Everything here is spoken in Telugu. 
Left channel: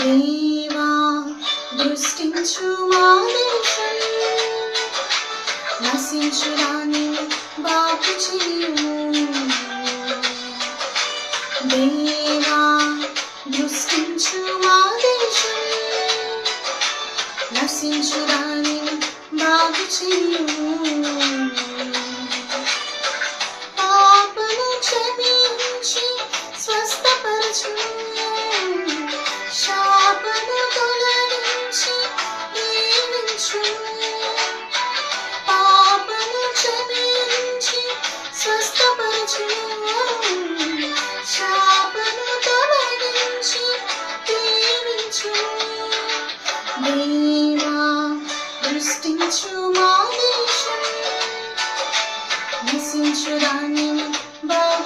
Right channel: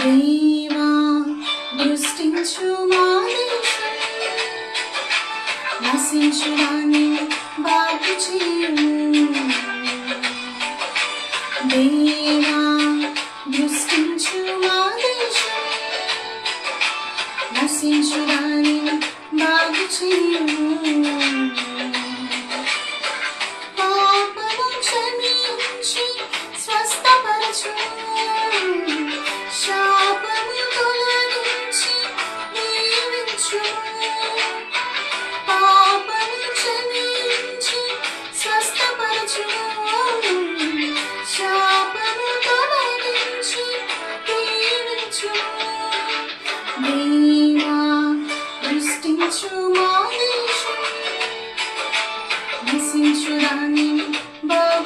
దేవా దృష్టించు మా దేశం నశించు రాని బాగు చేయము. దేవా దృష్టించు మా దేశం నశించు రాని బాగు చేయము. పాపము క్షమించి స్వస్థపరచు Missing should I mean, but